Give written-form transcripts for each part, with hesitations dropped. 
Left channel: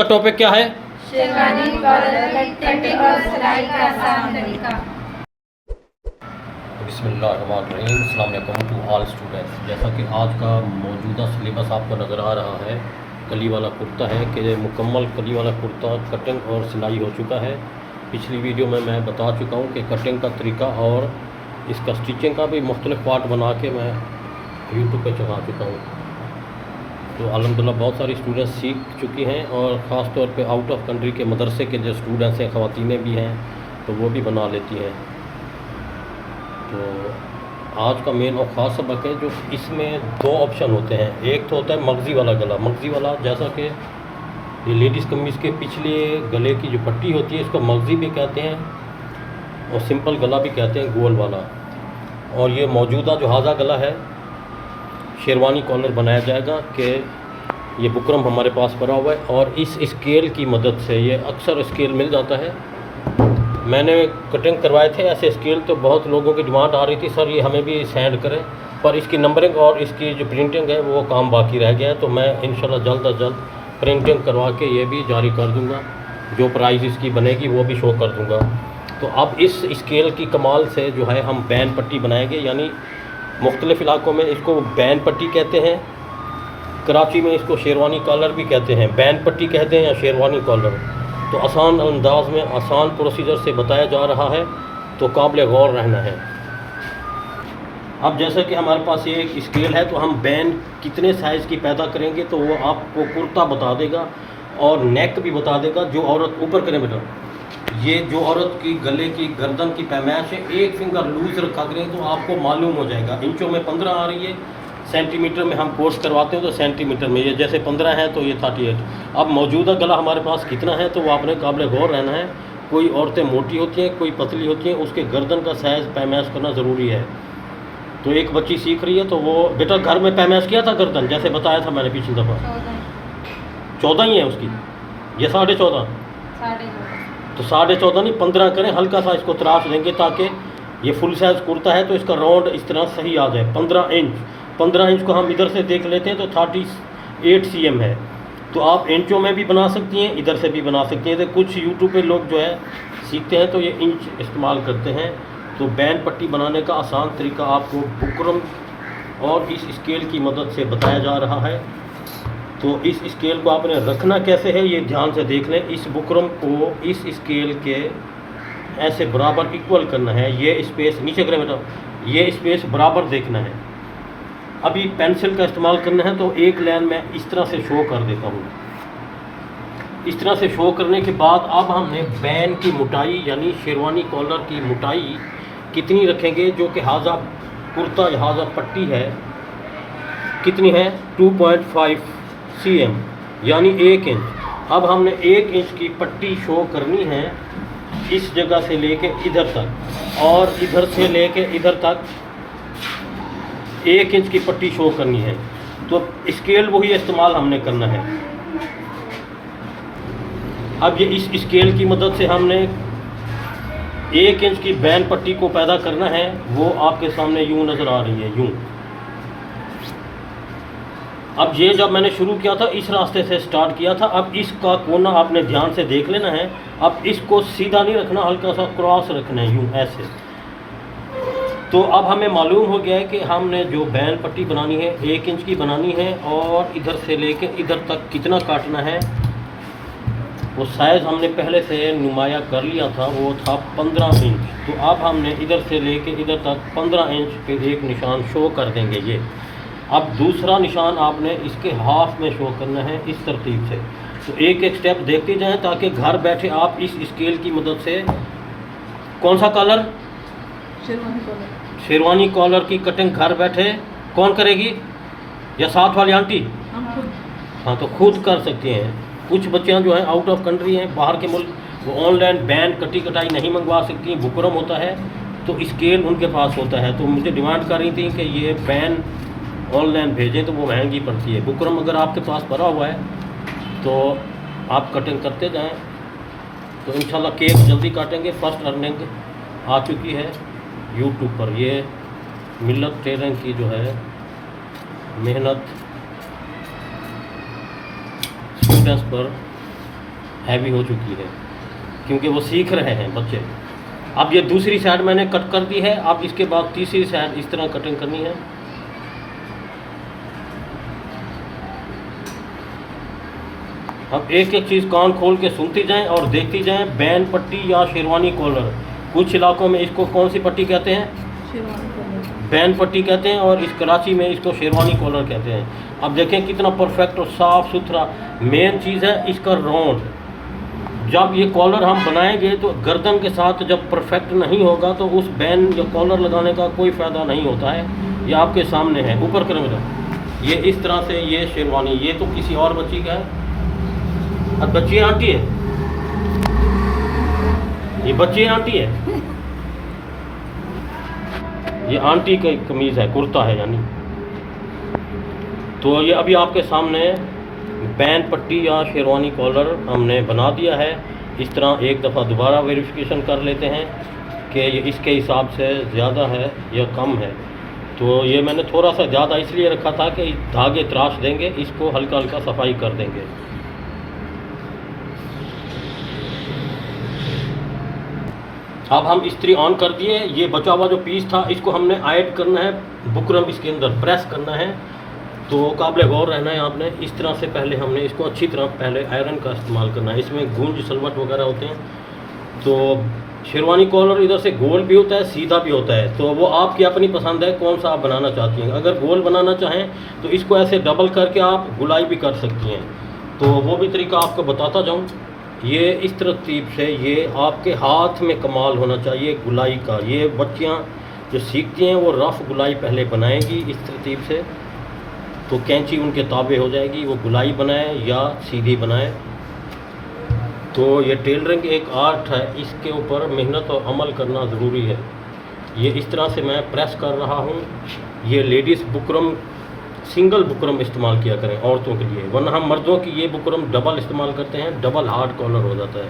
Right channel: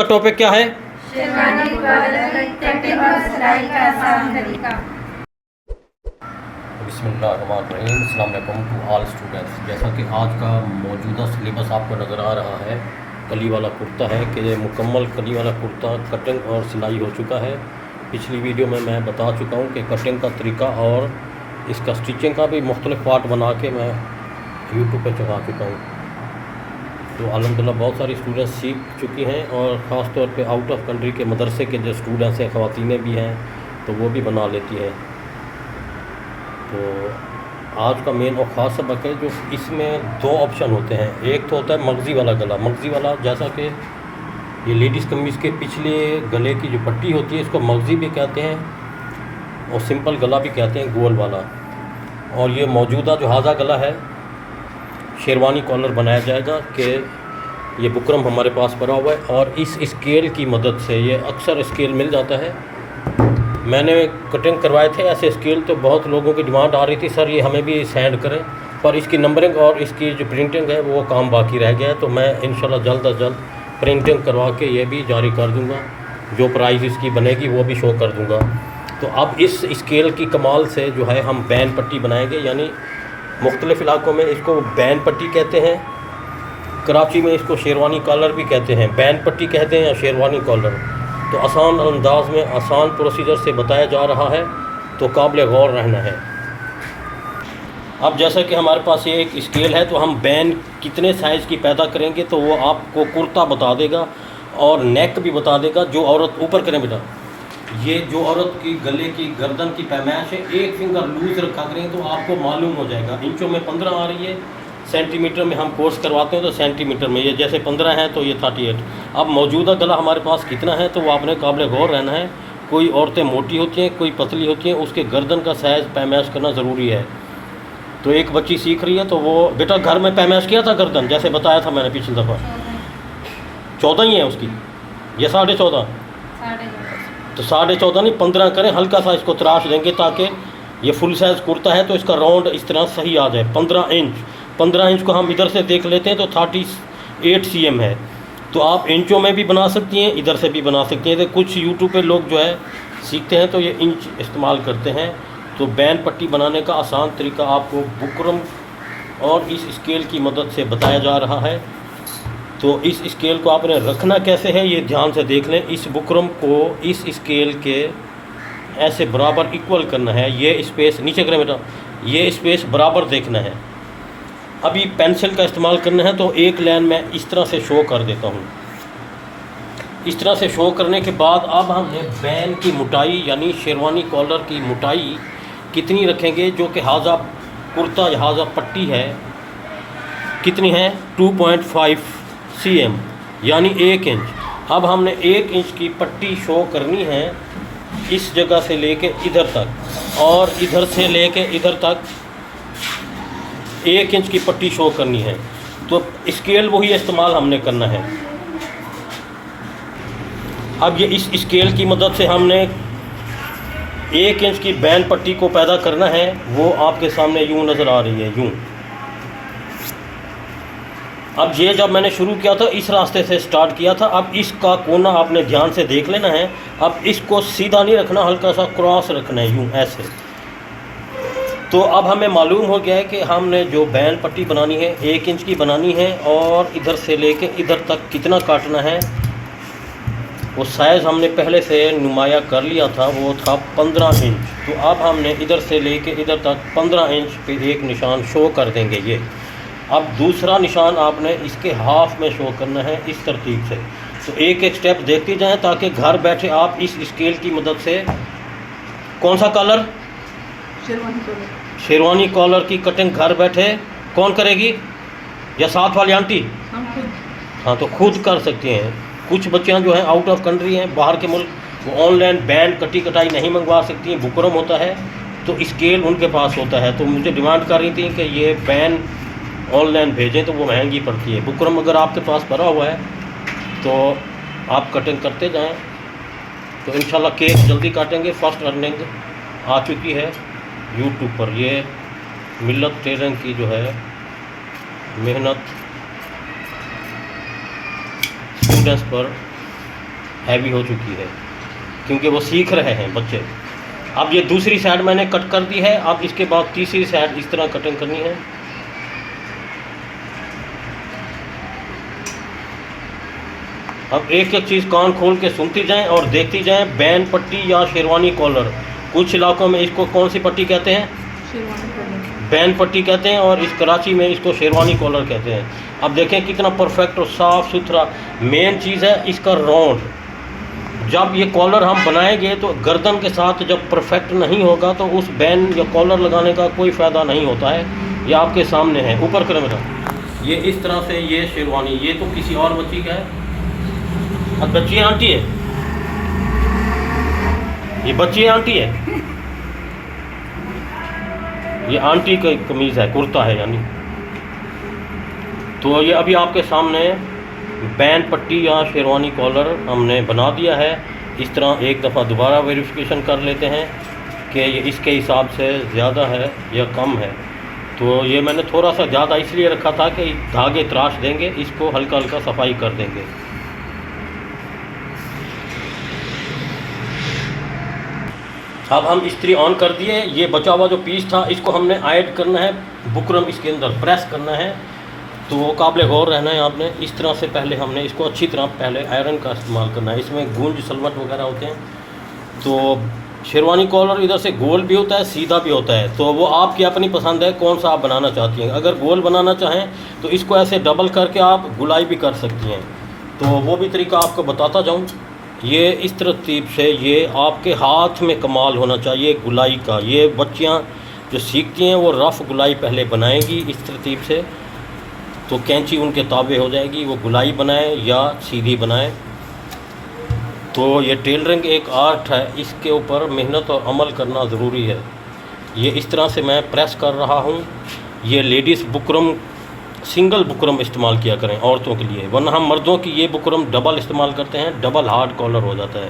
का टॉपिक क्या है? शेरवानी कॉलर कटिंग और सिलाई का आसान तरीका। बिस्मिल्लाहिर्रहमानिर्रहीम, अस्सलाम वालेकुम टू ऑल स्टूडेंट्स। जैसा कि आज का मौजूदा सिलेबस आपको नज़र आ रहा है, कली वाला कुर्ता है कि मुकम्मल कली वाला कुर्ता कटिंग और सिलाई हो चुका है। पिछली वीडियो में मैं बता चुका हूँ कि कटिंग का तरीका और इसका स्टिचिंग का भी मुख्तलिफ पार्ट बना के मैं यूट्यूब पर चढ़ा चुका हूँ। तो अल्हम्दुलिल्लाह बहुत सारी स्टूडेंट्स सीख चुकी हैं और ख़ास तौर पे आउट ऑफ कंट्री के मदरसे के जो स्टूडेंट्स हैं, ख़वातीनें भी हैं, तो वो भी बना लेती हैं। तो आज का मेन और ख़ास सबक है जो इसमें दो ऑप्शन होते हैं। एक तो होता है मगज़ी वाला गला। मगज़ी वाला जैसा कि ये लेडीज़ कमीज़ के पिछले गले की जो पट्टी होती है, इसको मगज़ी भी कहते हैं और सिंपल गला भी कहते हैं, गोल वाला। और ये मौजूदा जो हाजा गला है, शेरवानी कॉलर बनाया जाएगा कि ये बुकरम हमारे पास पड़ा हुआ है और इस स्केल की मदद से, ये अक्सर स्केल मिल जाता है। मैंने कटिंग करवाए थे ऐसे स्केल, तो बहुत लोगों की डिमांड आ रही थी, सर ये हमें भी सेंड करें, पर इसकी नंबरिंग और इसकी जो प्रिंटिंग है वो काम बाकी रह गया है। तो मैं इंशाल्लाह जल्द अज जल्द प्रिंटिंग करवा के ये भी जारी कर दूँगा, जो प्राइस इसकी बनेगी वो भी शो कर दूँगा। तो अब इस स्केल की कमाल से जो है हम बैन पट्टी बनाएंगे, यानी मुख्तलिफ़ इलाकों में इसको बैन पट्टी कहते हैं, कराची में इसको शेरवानी कॉलर भी कहते हैं। बैन पट्टी कहते हैं या शेरवानी कॉलर। तो आसान अंदाज में आसान प्रोसीजर से बताया जा रहा है, तो काबिल गौर रहना है। अब जैसा कि हमारे पास ये एक स्केल है, तो हम बैन कितने साइज़ की पैदा करेंगे तो वो आपको कुर्ता बता देगा और नेक भी बता देगा। जो औरत ऊपर करें बेटा, ये जो औरत की गले की गर्दन की पैमाइश है, एक फिंगर लूज़ रखा करें तो आपको मालूम हो जाएगा। इंचों में 15 आ रही है, सेंटीमीटर में हम कोर्स करवाते हैं तो सेंटीमीटर में, ये जैसे 15 है तो ये 38। अब मौजूदा गला हमारे पास कितना है तो वो आपने काबिल गौर रहना है। कोई औरतें मोटी होती हैं, कोई पतली होती हैं, उसके गर्दन का साइज़ पैमाइश करना ज़रूरी है। तो एक बच्ची सीख रही है, तो वो बेटा घर में पैमाइश किया था गर्दन, जैसे बताया था मैंने पिछली दफ़ा, 14 ही है उसकी, ये 14.5। तो 14.5 नहीं, 15 करें, हल्का सा इसको तराश देंगे ताकि ये फुल साइज़ कुर्ता है तो इसका राउंड इस तरह सही आ जाए। 15 इंच को हम इधर से देख लेते हैं तो 38 cm है। तो आप इंचों में भी बना सकती हैं, इधर से भी बना सकती हैं। तो कुछ यूट्यूब पे लोग जो है सीखते हैं तो ये इंच इस्तेमाल करते हैं। तो बैन पट्टी बनाने का आसान तरीका आपको बुकरम और इस स्केल की मदद से बताया जा रहा है। तो इस स्केल को आपने रखना कैसे है ये ध्यान से देख लें। इस बुकरम को इस स्केल के ऐसे बराबर इक्वल करना है। ये स्पेस नीचे करें बेटा, ये स्पेस बराबर देखना है। अभी पेंसिल का इस्तेमाल करना है तो एक लाइन में इस तरह से शो कर देता हूँ। इस तरह से शो करने के बाद अब हमने बैन की मोटाई यानी शेरवानी कॉलर की मोटाई कितनी रखेंगे, जो कि हाजा कुर्ता हाजा पट्टी है कितनी है, 2.5 cm यानी 1 इंच। अब हमने 1 इंच की पट्टी शो करनी है इस जगह से लेके इधर तक, और इधर से लेके इधर तक 1 इंच की पट्टी शो करनी है। तो स्केल वही इस्तेमाल हमने करना है। अब ये इस स्केल की मदद से हमने 1 इंच की बैन पट्टी को पैदा करना है। वो आपके सामने यूँ नज़र आ रही है, यूँ। अब ये जब मैंने शुरू किया था इस रास्ते से स्टार्ट किया था। अब इसका कोना आपने ध्यान से देख लेना है। अब इसको सीधा नहीं रखना, हल्का सा क्रॉस रखना है, यूँ ऐसे। तो अब हमें मालूम हो गया है कि हमने जो बैन पट्टी बनानी है 1 इंच की बनानी है, और इधर से लेके इधर तक कितना काटना है वो साइज़ हमने पहले से नुमाया कर लिया था, वो था 15 इंच। तो अब हमने इधर से लेके इधर तक 15 इंच पे एक निशान शो कर देंगे ये। अब दूसरा निशान आपने इसके हाफ में शो करना है इस तरतीब से। तो एक एक स्टेप देखते जाएं ताकि घर बैठे आप इस स्केल की मदद से कौन सा कॉलर, शेरवानी कॉलर की कटिंग घर बैठे कौन करेगी, या साथ वाली आंटी? हाँ, तो खुद कर सकते हैं। कुछ बच्चियाँ जो हैं आउट ऑफ कंट्री हैं, बाहर के मुल्क, वो ऑनलाइन बैन कटी कटाई नहीं मंगवा सकती हैं। बुकरम होता है तो स्केल उनके पास होता है। तो मुझे डिमांड कर रही थी कि ये बैन ऑनलाइन भेजें, तो वो महंगी पड़ती है। बुकरम अगर आपके पास पड़ा हुआ है तो आप कटिंग करते जाएं, तो इंशाल्लाह केक जल्दी काटेंगे। फर्स्ट अर्निंग आ चुकी है यूट्यूब पर। ये मिल्लत टेलरिंग की जो है मेहनत स्टूडेंट्स पर हैवी हो चुकी है, क्योंकि वो सीख रहे हैं बच्चे। अब ये दूसरी साइड मैंने कट कर दी है। अब इसके बाद तीसरी साइड इस तरह कटिंग करनी है। अब एक एक चीज़ कान खोल के सुनती जाएं और देखती जाएं। बैन पट्टी या शेरवानी कॉलर, कुछ इलाकों में इसको कौन सी पट्टी कहते हैं? बैन पट्टी कहते हैं, और इस कराची में इसको शेरवानी कॉलर कहते हैं। अब देखें कितना परफेक्ट और साफ़ सुथरा। मेन चीज़ है इसका राउंड। जब ये कॉलर हम बनाएंगे तो गर्दन के साथ जब परफेक्ट नहीं होगा तो उस बैन या कॉलर लगाने का कोई फ़ायदा नहीं होता है। ये आपके सामने है, ऊपर करें बेटा। ये इस तरह से ये शेरवानी, ये तो किसी और बच्ची का है। अब बच्ची आंटी है, ये बच्ची आंटी है, ये आंटी की कमीज़ है, कुर्ता है यानी। तो ये अभी आपके सामने बैन पट्टी या शेरवानी कॉलर हमने बना दिया है। इस तरह एक दफ़ा दोबारा वेरिफिकेशन कर लेते हैं कि ये इसके हिसाब से ज़्यादा है या कम है। तो ये मैंने थोड़ा सा ज़्यादा इसलिए रखा था कि धागे तराश देंगे, इसको हल्का हल्का सफाई कर देंगे। अब हम इस्त्री ऑन कर दिए। ये बचा हुआ जो पीस था इसको हमने ऐड करना है, बुकरम इसके अंदर प्रेस करना है। तो काबिल गौर रहना है आपने। इस तरह से पहले हमने इसको अच्छी तरह पहले आयरन का इस्तेमाल करना है। इसमें गूंज सलवट वगैरह होते हैं। तो शेरवानी कॉलर इधर से गोल भी होता है, सीधा भी होता है। तो वो आपकी अपनी पसंद है कौन सा आप बनाना चाहती हैं। अगर गोल बनाना चाहें तो इसको ऐसे डबल करके आप गुलाई भी कर सकती हैं। तो वो भी तरीका आपको बताता जाऊँ। ये इस तरतीब से ये आपके हाथ में कमाल होना चाहिए गुलाई का। ये बच्चियाँ जो सीखती हैं वो रफ़ गुलाई पहले बनाएंगी इस तरतीब से, तो कैंची उनके ताबे हो जाएगी। वो गुलाई बनाए या सीधी बनाए। तो ये टेलरिंग एक आर्ट है, इसके ऊपर मेहनत और अमल करना ज़रूरी है। ये इस तरह से मैं प्रेस कर रहा हूँ। ये लेडीज़ बुकरम सिंगल बुकरम इस्तेमाल किया करें औरतों के लिए, वरना हम मर्दों की ये बुकरम डबल इस्तेमाल करते हैं, डबल हार्ड कॉलर हो जाता है।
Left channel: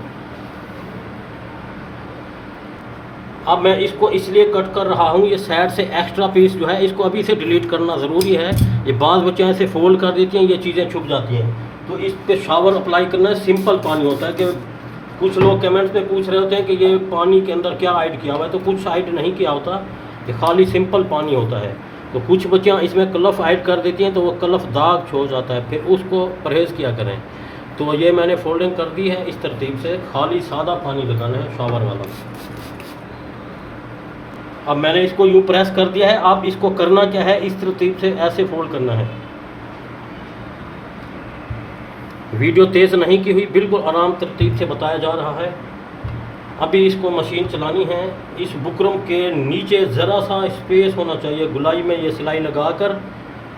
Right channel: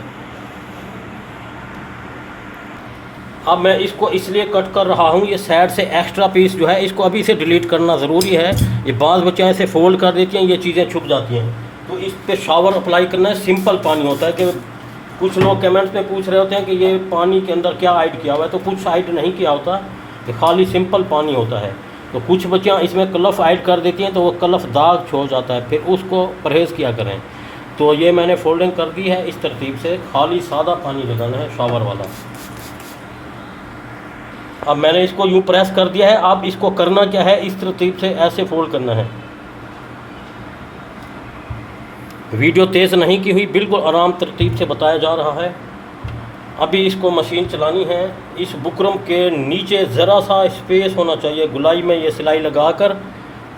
अब मैं इसको इसलिए कट कर रहा हूँ, ये साइड से एक्स्ट्रा पीस जो है इसको अभी से डिलीट करना ज़रूरी है। ये बाज़ बच्चे ऐसे फोल्ड कर देती हैं, ये चीज़ें छुप जाती हैं। तो इस पे शावर अप्लाई करना है। सिंपल पानी होता है कि कुछ लोग कमेंट्स में पूछ रहे होते हैं कि ये पानी के अंदर क्या ऐड किया हुआ है, तो कुछ ऐड नहीं किया होता, ये खाली सिंपल पानी होता है। तो कुछ बच्चियाँ इसमें कलफ ऐड कर देती हैं तो वो कलफ दाग छोड़ जाता है, फिर उसको परहेज़ किया करें। तो ये मैंने फोल्डिंग कर दी है इस तरतीब से, खाली सादा पानी लगाना है शावर वाला। अब मैंने इसको यूँ प्रेस कर दिया है। अब इसको करना क्या है, इस तरतीब से ऐसे फोल्ड करना है। वीडियो तेज़ नहीं की हुई, बिल्कुल आराम तरतीब से बताया जा रहा है। अभी इसको मशीन चलानी है। इस बुकरम के नीचे ज़रा सा स्पेस होना चाहिए गुलाई में, ये सिलाई लगाकर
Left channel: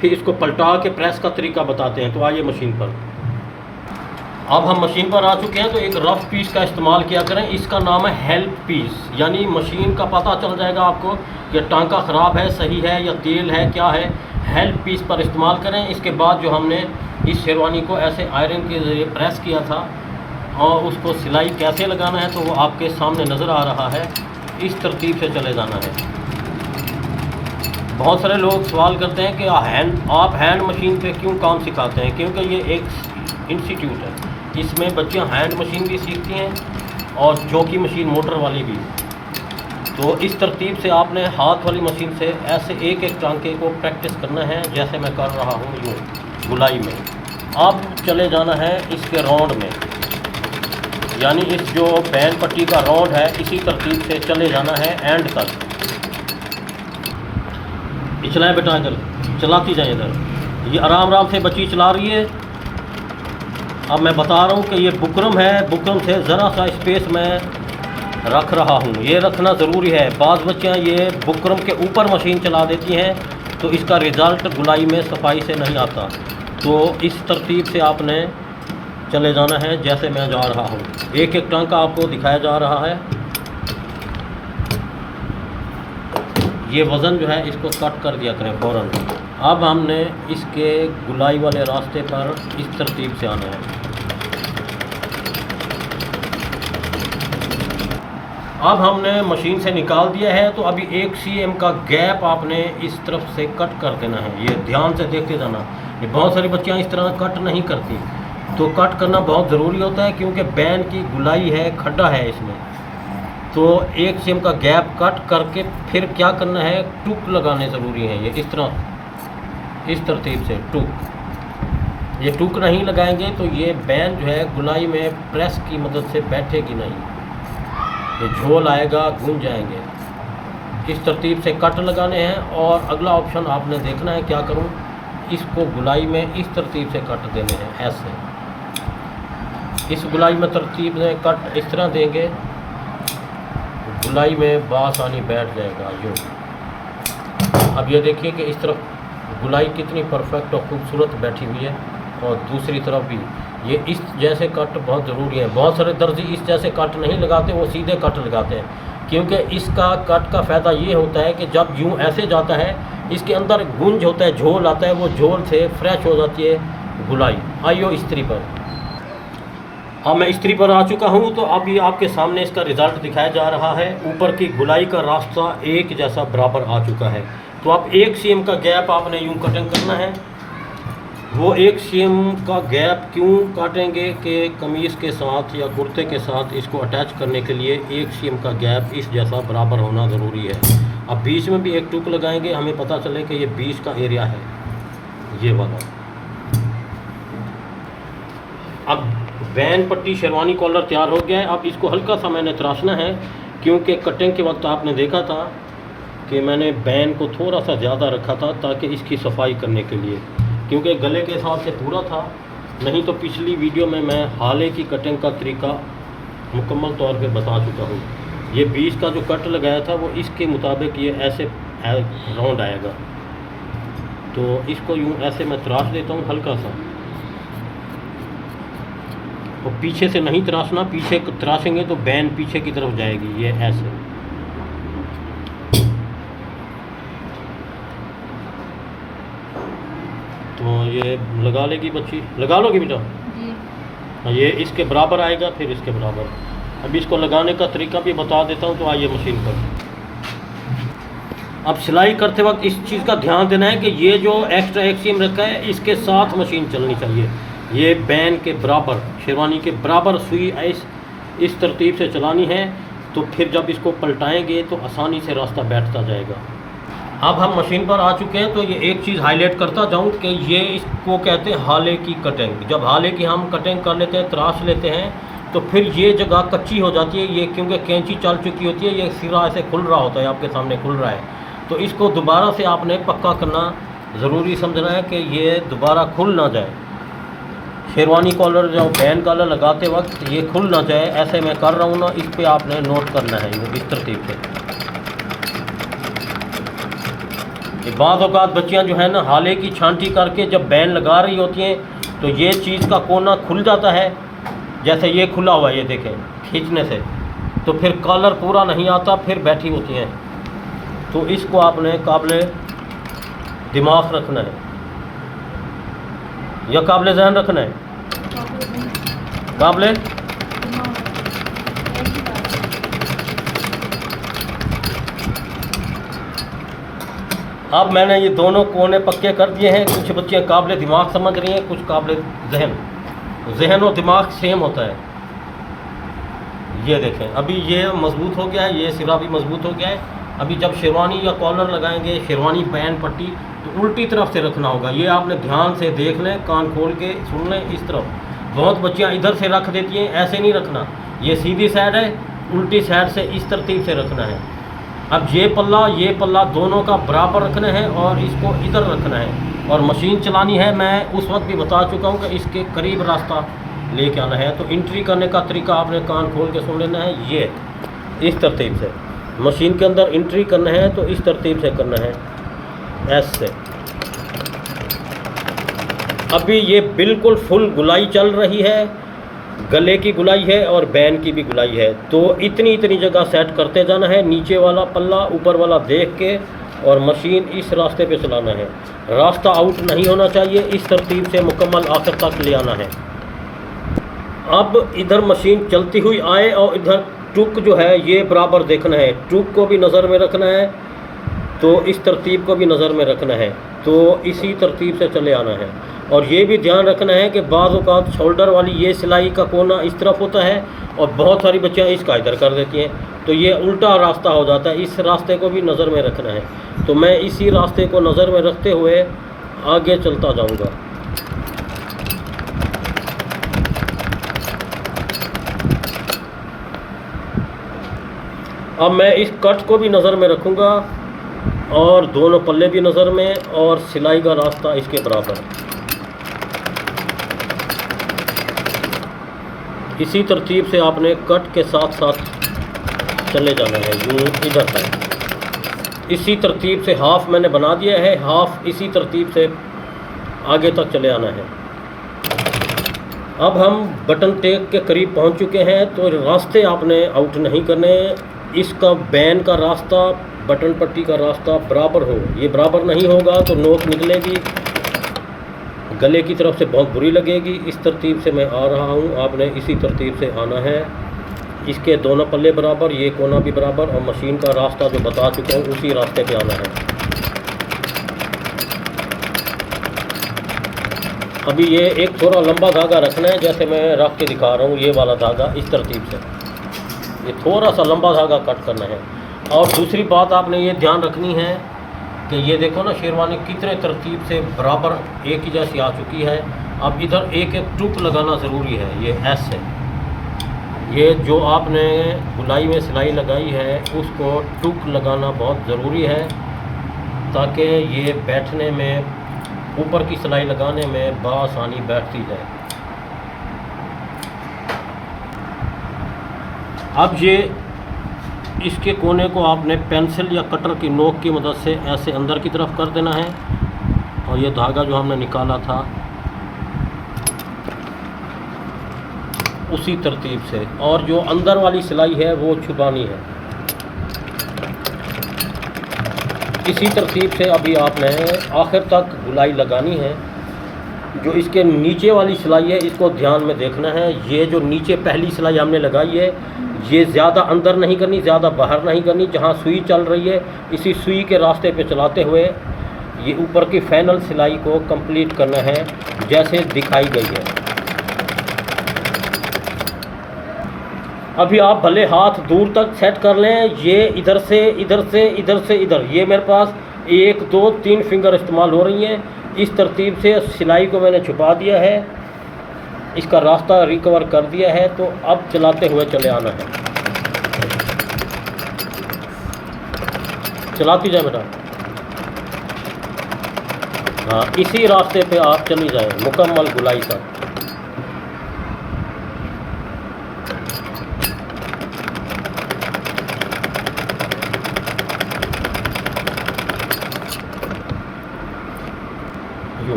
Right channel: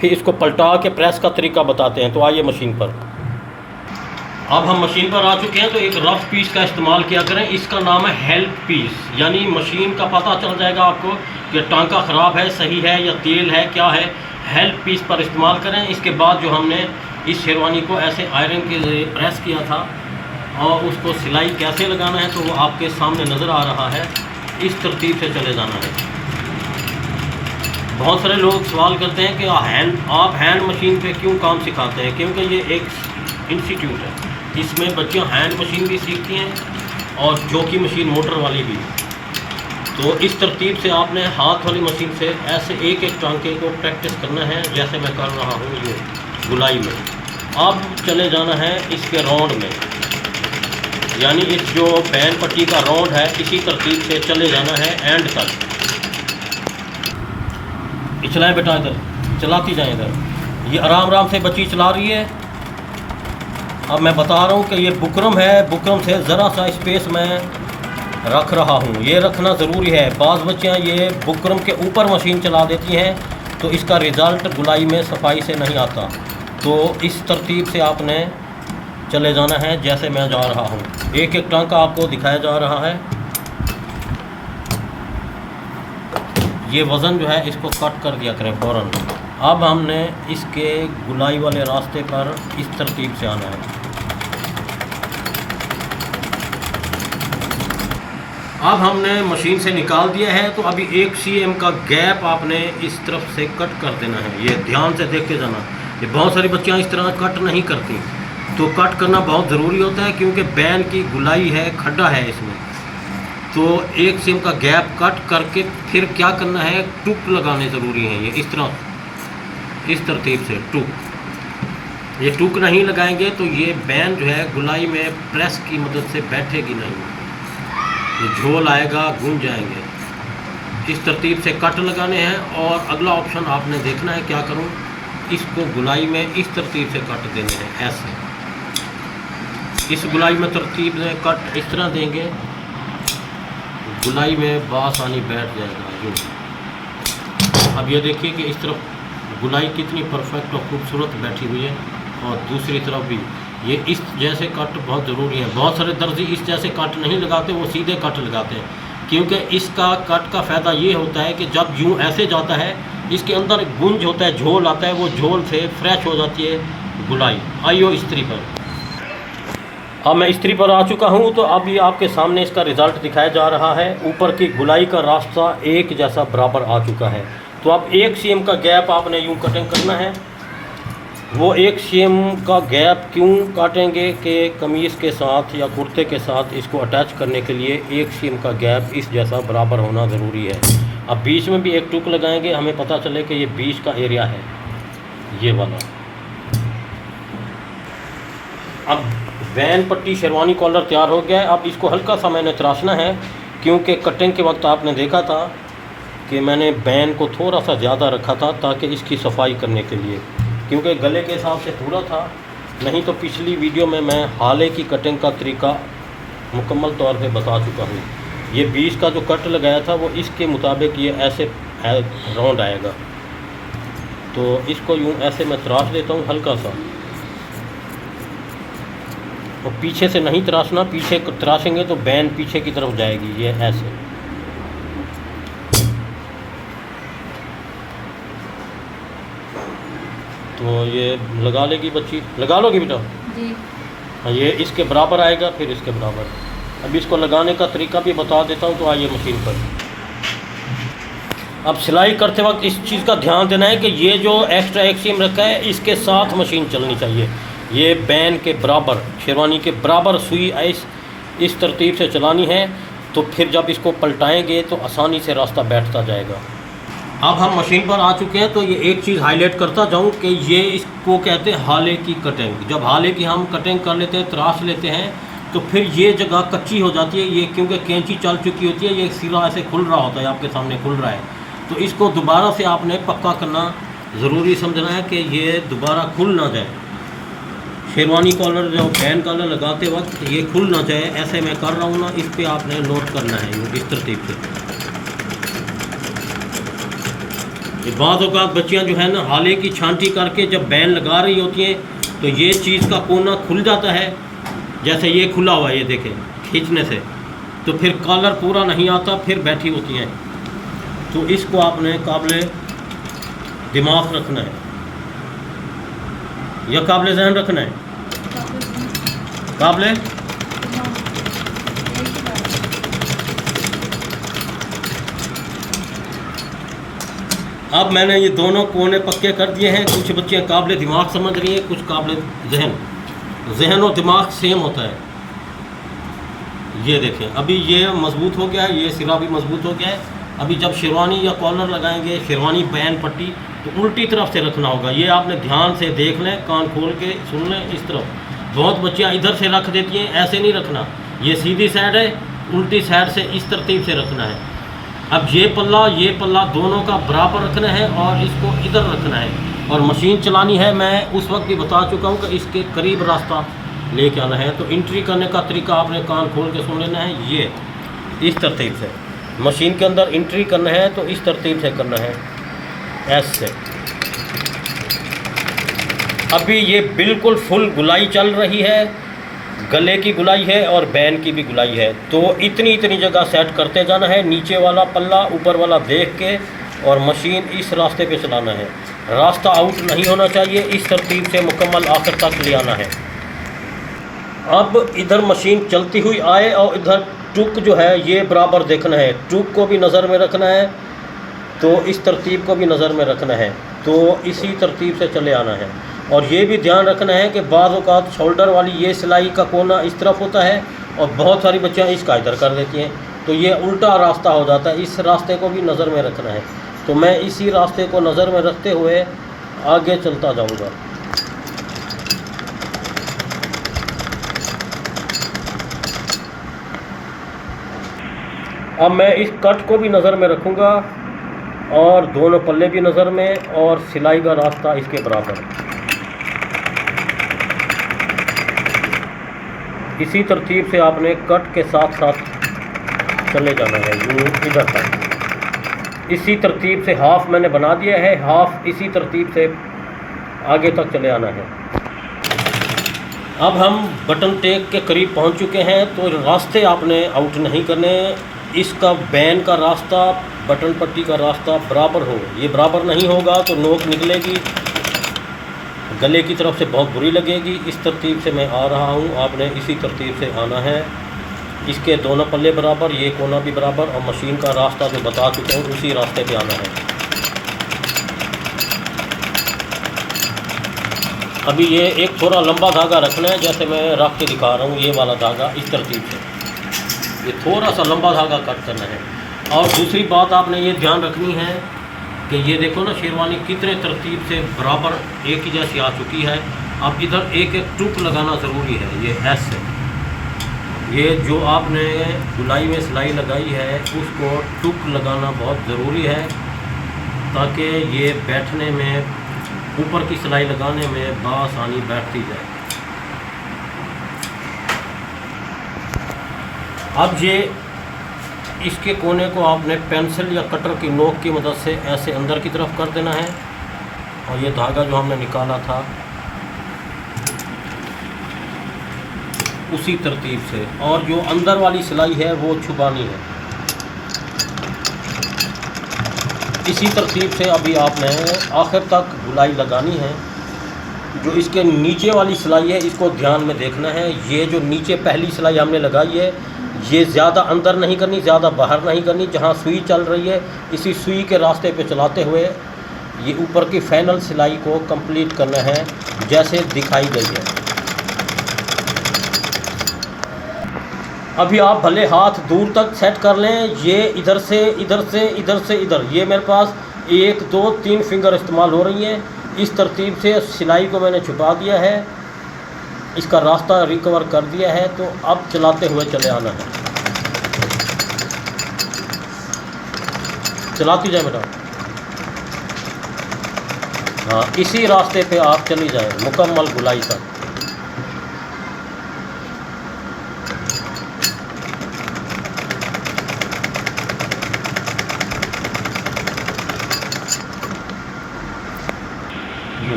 फिर इसको पलटा के प्रेस का तरीका बताते हैं। तो आइए मशीन पर। अब हम मशीन पर आ चुके हैं। तो एक रफ़ पीस का इस्तेमाल किया करें, इसका नाम है हेल्प पीस। यानी मशीन का पता चल जाएगा आपको कि टांका ख़राब है, सही है या तेल है, क्या है। हेल्प पीस पर इस्तेमाल करें। इसके बाद जो हमने इस शेरवानी को ऐसे आयरन के ज़रिए प्रेस किया था और उसको सिलाई कैसे लगाना है तो वो आपके सामने नज़र आ रहा है। इस तरतीब से चले जाना है। बहुत सारे लोग सवाल करते हैं कि आप हैंड मशीन पे क्यों काम सिखाते हैं, क्योंकि ये एक इंस्टीट्यूट है। इसमें बच्चियाँ हैंड मशीन भी सीखती हैं और चौकी मशीन मोटर वाली भी। तो इस तरतीब से आपने हाथ वाली मशीन से ऐसे एक एक टांके को प्रैक्टिस करना है, जैसे मैं कर रहा हूँ ये गुलाई में। अब चले जाना है इसके राउंड में, यानी इस जो बैन पट्टी का राउंड है इसी तरतीब से चले जाना है एंड तक। चलाएं बेटा, इधर चलाती जाएं इधर। ये आराम आराम से बच्ची चला रही है। अब मैं बता रहा हूँ कि ये बुकरम है, बुकरम से ज़रा सा स्पेस मैं रख रहा हूँ, ये रखना ज़रूरी है। बाज़ बच्चियाँ ये बुकरम के ऊपर मशीन चला देती हैं तो इसका रिज़ल्ट गुलाई में सफाई से नहीं आता। तो इस तरतीब से आपने चले जाना है जैसे मैं जा रहा हूँ। एक एक टांका आपको दिखाया जा रहा है। ये वज़न जो है इसको कट कर दिया करें फ़ौरन। अब हमने इसके गुलाई वाले रास्ते पर इस तरतीब से आना है। अब हमने मशीन से निकाल दिया है तो अभी 1 cm का गैप आपने इस तरफ से कट कर देना है। ये ध्यान से देख के जाना। ये बहुत सारी बच्चियाँ इस तरह कट नहीं करती, तो कट करना बहुत ज़रूरी होता है, क्योंकि बैन की गुलाई है, खड्डा है इसमें। तो एक सीम का गैप कट करके फिर क्या करना है, टुक लगाने ज़रूरी है। ये इस तरह, इस तरतीब से टुक, ये टुक नहीं लगाएंगे तो ये बैन जो है गुलाई में प्रेस की मदद से बैठेगी नहीं, ये झोल आएगा, गूंज जाएंगे। इस तरतीब से कट लगाने हैं। और अगला ऑप्शन आपने देखना है, क्या करूं, इसको गुलाई में इस तरतीब से कट देने हैं, ऐसे इस गुलाई में तरतीब में कट इस तरह देंगे, गुलाई में बासानी बैठ जाएगा जो। अब ये देखिए कि इस तरफ गुलाई कितनी परफेक्ट और खूबसूरत बैठी हुई है, और दूसरी तरफ भी ये इस जैसे कट बहुत ज़रूरी है। बहुत सारे दर्जी इस जैसे कट नहीं लगाते, वो सीधे कट लगाते हैं, क्योंकि इसका कट का फ़ायदा ये होता है कि जब यूँ ऐसे जाता है, इसके अंदर गुंज होता है, झोल आता है, वो झोल से फ्रेश हो जाती है गुलाई। आइयो इस्त्री पर, अब मैं इस्त्री पर आ चुका हूँ। तो अब ये आपके सामने इसका रिज़ल्ट दिखाया जा रहा है। ऊपर की गुलाई का रास्ता एक जैसा बराबर आ चुका है। तो अब 1 सीएम का गैप आपने यूँ कटिंग करना है। वो 1 सीएम का गैप क्यों काटेंगे कि कमीज़ के साथ या कुर्ते के साथ इसको अटैच करने के लिए 1 सीएम का गैप इस जैसा बराबर होना ज़रूरी है। अब बीच में भी एक टुक लगाएंगे, हमें पता चले कि ये बीच का एरिया है, ये वाला। अब बैन पट्टी शेरवानी कॉलर तैयार हो गया है। अब इसको हल्का सा मैंने तराशना है, क्योंकि कटिंग के वक्त आपने देखा था कि मैंने बैन को थोड़ा सा ज़्यादा रखा था ताकि इसकी सफाई करने के लिए, क्योंकि गले के हिसाब से पूरा था। नहीं तो पिछली वीडियो में मैं हाले की कटिंग का तरीका मुकम्मल तौर पे बता चुका हूँ। ये बीच का जो कट लगाया था वो इसके मुताबिक ये ऐसे राउंड आएगा। तो इसको यूँ ऐसे मैं तराश देता हूँ हल्का सा, और पीछे से नहीं तराशना, पीछे तराशेंगे तो बैन पीछे की तरफ जाएगी, ये ऐसे। तो ये लगा लेगी बच्ची, लगा लोगी बेटा जी। हाँ, ये इसके बराबर आएगा, फिर इसके बराबर। अब इसको लगाने का तरीका भी बता देता हूँ। तो आइए मशीन पर। अब सिलाई करते वक्त इस चीज़ का ध्यान देना है कि ये जो एक्स्ट्रा 1 सीम रखा है, इसके साथ मशीन चलनी चाहिए। ये बैन के बराबर, शेरवानी के बराबर सुई इस तरतीब से चलानी है। तो फिर जब इसको पलटाएंगे तो आसानी से रास्ता बैठता जाएगा। अब हम मशीन पर आ चुके हैं। तो ये एक चीज़ हाईलाइट करता जाऊं कि ये इसको कहते हैं हाले की कटिंग। जब हाले की हम कटिंग कर लेते हैं, तराश लेते हैं, तो फिर ये जगह कच्ची हो जाती है। ये क्योंकि कैंची चल चुकी होती है, ये सिरा ऐसे खुल रहा होता है, आपके सामने खुल रहा है। तो इसको दोबारा से आपने पक्का करना ज़रूरी समझना है कि ये दोबारा खुल ना जाए। शेरवानी कॉलर जो बैन कॉलर लगाते वक्त ये खुल ना जाए, ऐसे मैं कर रहा हूँ ना, इस पर आपने नोट करना है इस तरतीब से। ये बाद औक़ात बच्चियाँ जो है ना, हाले की छांटी करके जब बैन लगा रही होती हैं, तो ये चीज़ का कोना खुल जाता है, जैसे ये खुला हुआ है, ये देखें खींचने से, तो फिर कॉलर पूरा नहीं आता, फिर बैठी होती हैं। तो इसको आपने काबिल दिमाग रखना है या काबिल ज़हन रखना है, काबिल। अब मैंने ये दोनों कोने पक्के कर दिए हैं। कुछ बच्चियाँ काबिल दिमाग समझ रही हैं, कुछ काबिल जहन। जहन और दिमाग सेम होता है। ये देखें, अभी ये मज़बूत हो गया है, ये सिरा भी मज़बूत हो गया है। अभी जब शेरवानी या कॉलर लगाएंगे, शेरवानी बैन पट्टी, तो उल्टी तरफ से रखना होगा। ये आपने ध्यान से देख लें, कान खोल के सुन लें। इस तरफ बहुत बच्चियाँ इधर से रख देती हैं, ऐसे नहीं रखना। ये सीधी साइड है, उल्टी साइड से इस तरतीब से रखना है। अब ये पल्ला दोनों का बराबर रखना है और इसको इधर रखना है। और मशीन चलानी है, मैं उस वक्त भी बता चुका हूँ कि इसके करीब रास्ता लेके आना है। तो एंट्री करने का तरीका आपने कान खोल के सुन लेना है। ये इस तरतीब से मशीन के अंदर एंट्री करना है, तो इस तरतीब से करना है, ऐसे। अभी ये बिल्कुल फुल गुलाई चल रही है, गले की गुलाई है और बैन की भी गुलाई है। तो इतनी जगह सेट करते जाना है, नीचे वाला पल्ला ऊपर वाला देख के, और मशीन इस रास्ते पे चलाना है। रास्ता आउट नहीं होना चाहिए, इस तरतीब से मुकम्मल आखिर तक ले आना है। अब इधर मशीन चलती हुई आए और इधर टुक जो है ये बराबर देखना है। टुक को भी नज़र में रखना है, तो इस तरतीब को भी नज़र में रखना है। तो इसी तरतीब से चले आना है। और ये भी ध्यान रखना है कि बाज़ औक़ात शोल्डर वाली ये सिलाई का कोना इस तरफ होता है और बहुत सारी बच्चियाँ इसका इधर कर देती हैं, तो ये उल्टा रास्ता हो जाता है। इस रास्ते को भी नज़र में रखना है। तो मैं इसी रास्ते को नज़र में रखते हुए आगे चलता जाऊँगा। अब मैं इस कट को भी नज़र में रखूँगा और दोनों पल्ले भी नज़र में और सिलाई का रास्ता इसके बराबर। इसी तरतीब से आपने कट के साथ साथ चले जाना है यूँ इधर तक। इसी तरतीब से हाफ़ मैंने बना दिया है, हाफ़ इसी तरतीब से आगे तक चले आना है। अब हम बटन टेक के करीब पहुंच चुके हैं, तो रास्ते आपने आउट नहीं करने। इसका बैन का रास्ता, बटन पट्टी का रास्ता बराबर हो। ये बराबर नहीं होगा तो नोक निकलेगी, गले की तरफ से बहुत बुरी लगेगी। इस तरतीब से मैं आ रहा हूँ, आपने इसी तरतीब से आना है। इसके दोनों पल्ले बराबर, ये कोना भी बराबर, और मशीन का रास्ता जो बता चुका हूँ उसी रास्ते पे आना है। अभी ये एक थोड़ा लंबा धागा रखना है, जैसे मैं रख के दिखा रहा हूँ, ये वाला धागा इस तरतीब से ये थोड़ा सा लंबा धागा कट करना है। और दूसरी बात आपने ये ध्यान रखनी है कि ये देखो ना शेरवानी कितने तरतीब से बराबर एक ही जैसी आ चुकी है। अब इधर एक एक टूक लगाना ज़रूरी है, ये एस है। ये जो आपने बुनाई में सिलाई लगाई है उसको टूक लगाना बहुत ज़रूरी है, ताकि ये बैठने में, ऊपर की सिलाई लगाने में बआसानी बैठती जाए। अब ये इसके कोने को आपने पेंसिल या कटर की नोक की मदद से ऐसे अंदर की तरफ कर देना है, और ये धागा जो हमने निकाला था उसी तरतीब से, और जो अंदर वाली सिलाई है वो छुपानी है। इसी तरतीब से अभी आपने आखिर तक गुलाई लगानी है। जो इसके नीचे वाली सिलाई है इसको ध्यान में देखना है। ये जो नीचे पहली सिलाई हमने लगाई है ये ज़्यादा अंदर नहीं करनी, ज़्यादा बाहर नहीं करनी। जहाँ सुई चल रही है इसी सुई के रास्ते पे चलाते हुए ये ऊपर की फाइनल सिलाई को कंप्लीट करना है जैसे दिखाई गई है। अभी आप भले हाथ दूर तक सेट कर लें, ये इधर से इधर से इधर से इधर, ये मेरे पास 1 2 3 फिंगर इस्तेमाल हो रही हैं। इस तरतीब से सिलाई को मैंने छुपा दिया है, इसका रास्ता रिकवर कर दिया है। तो अब चलाते हुए चले आना है। चलाती जाए बेटा, हाँ इसी रास्ते पे आप चली जाएं मुकम्मल गुलाई तक।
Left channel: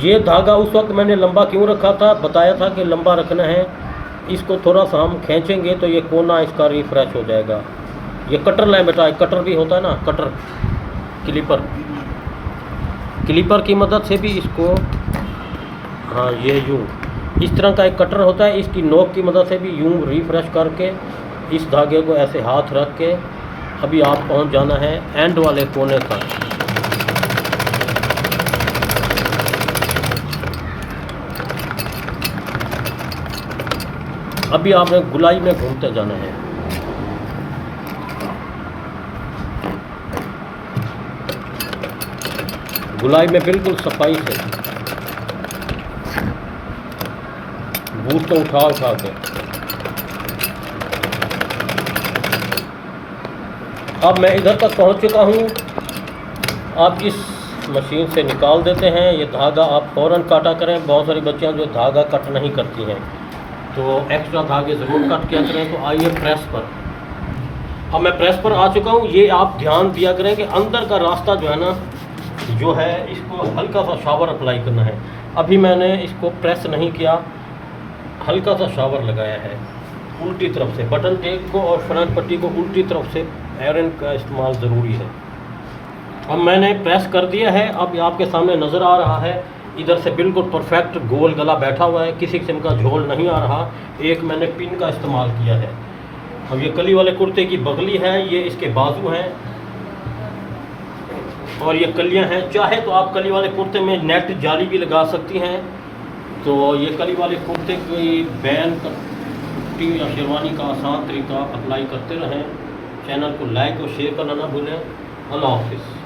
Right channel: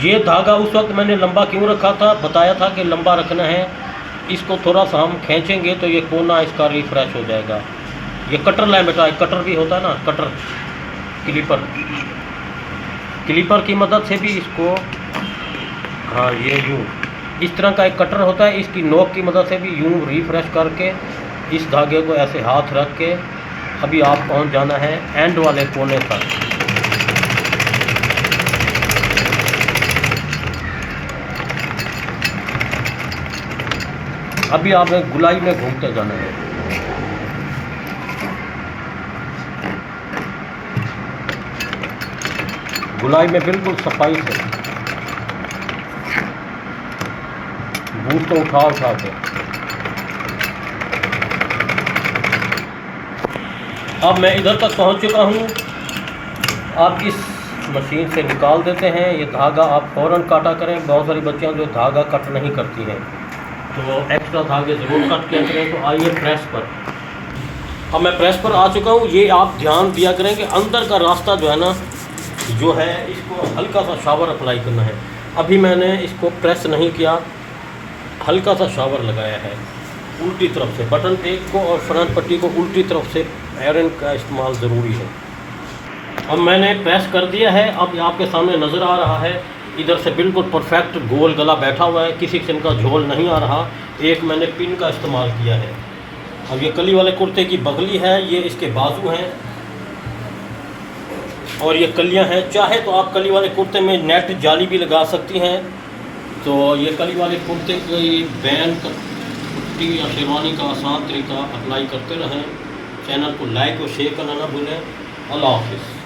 ये धागा उस वक्त मैंने लंबा क्यों रखा था, बताया था कि लंबा रखना है। इसको थोड़ा सा हम खींचेंगे तो ये कोना इसका रिफ्रेश हो जाएगा। ये कटर लाइन बेटा, कटर भी होता है ना, कटर क्लिपर की मदद से भी इसको, हाँ ये यूँ इस तरह का एक कटर होता है, इसकी नोक की मदद से भी यूँ रिफ्रेश करके इस धागे को ऐसे हाथ रख के अभी आप पहुंच जाना है एंड वाले कोने तक। अभी आपने गुलाई में घूमते जाना है। गुलाई में बिल्कुल सफाई से, बूट को उठा के। अब मैं इधर तक पहुंच चुका हूं। आप इस मशीन से निकाल देते हैं ये धागा, आप फ़ौरन काटा करें। बहुत सारी बच्चियां जो धागा कट नहीं करती हैं तो एक्स्ट्रा धागे ज़रूर कट किया करें। तो आइए प्रेस पर। अब मैं प्रेस पर आ चुका हूँ। ये आप ध्यान दिया करें कि अंदर का रास्ता जो है ना, जो है इसको हल्का सा शावर अप्लाई करना है। अभी मैंने इसको प्रेस नहीं किया, हल्का सा शावर लगाया है उल्टी तरफ से। बटन टेक को और फ्रंट पट्टी को उल्टी तरफ से आयरन का इस्तेमाल ज़रूरी है। अब मैंने प्रेस कर दिया है। अब आपके सामने नज़र आ रहा है इधर से बिल्कुल परफेक्ट गोल गला बैठा हुआ है, किसी किस्म का झोल नहीं आ रहा। एक मैंने पिन का इस्तेमाल किया है। अब ये कली वाले कुर्ते की बगली है, ये इसके बाजू हैं, और ये कलियां हैं, चाहे तो आप कली वाले कुर्ते में नेट जाली भी लगा सकती हैं। तो ये कली वाले कुर्ते की बैन पट्टी या शेरवानी का आसान तरीका अप्लाई करते रहें। चैनल को लाइक और शेयर करना ना भूलें। अल्लाह हाफिज़।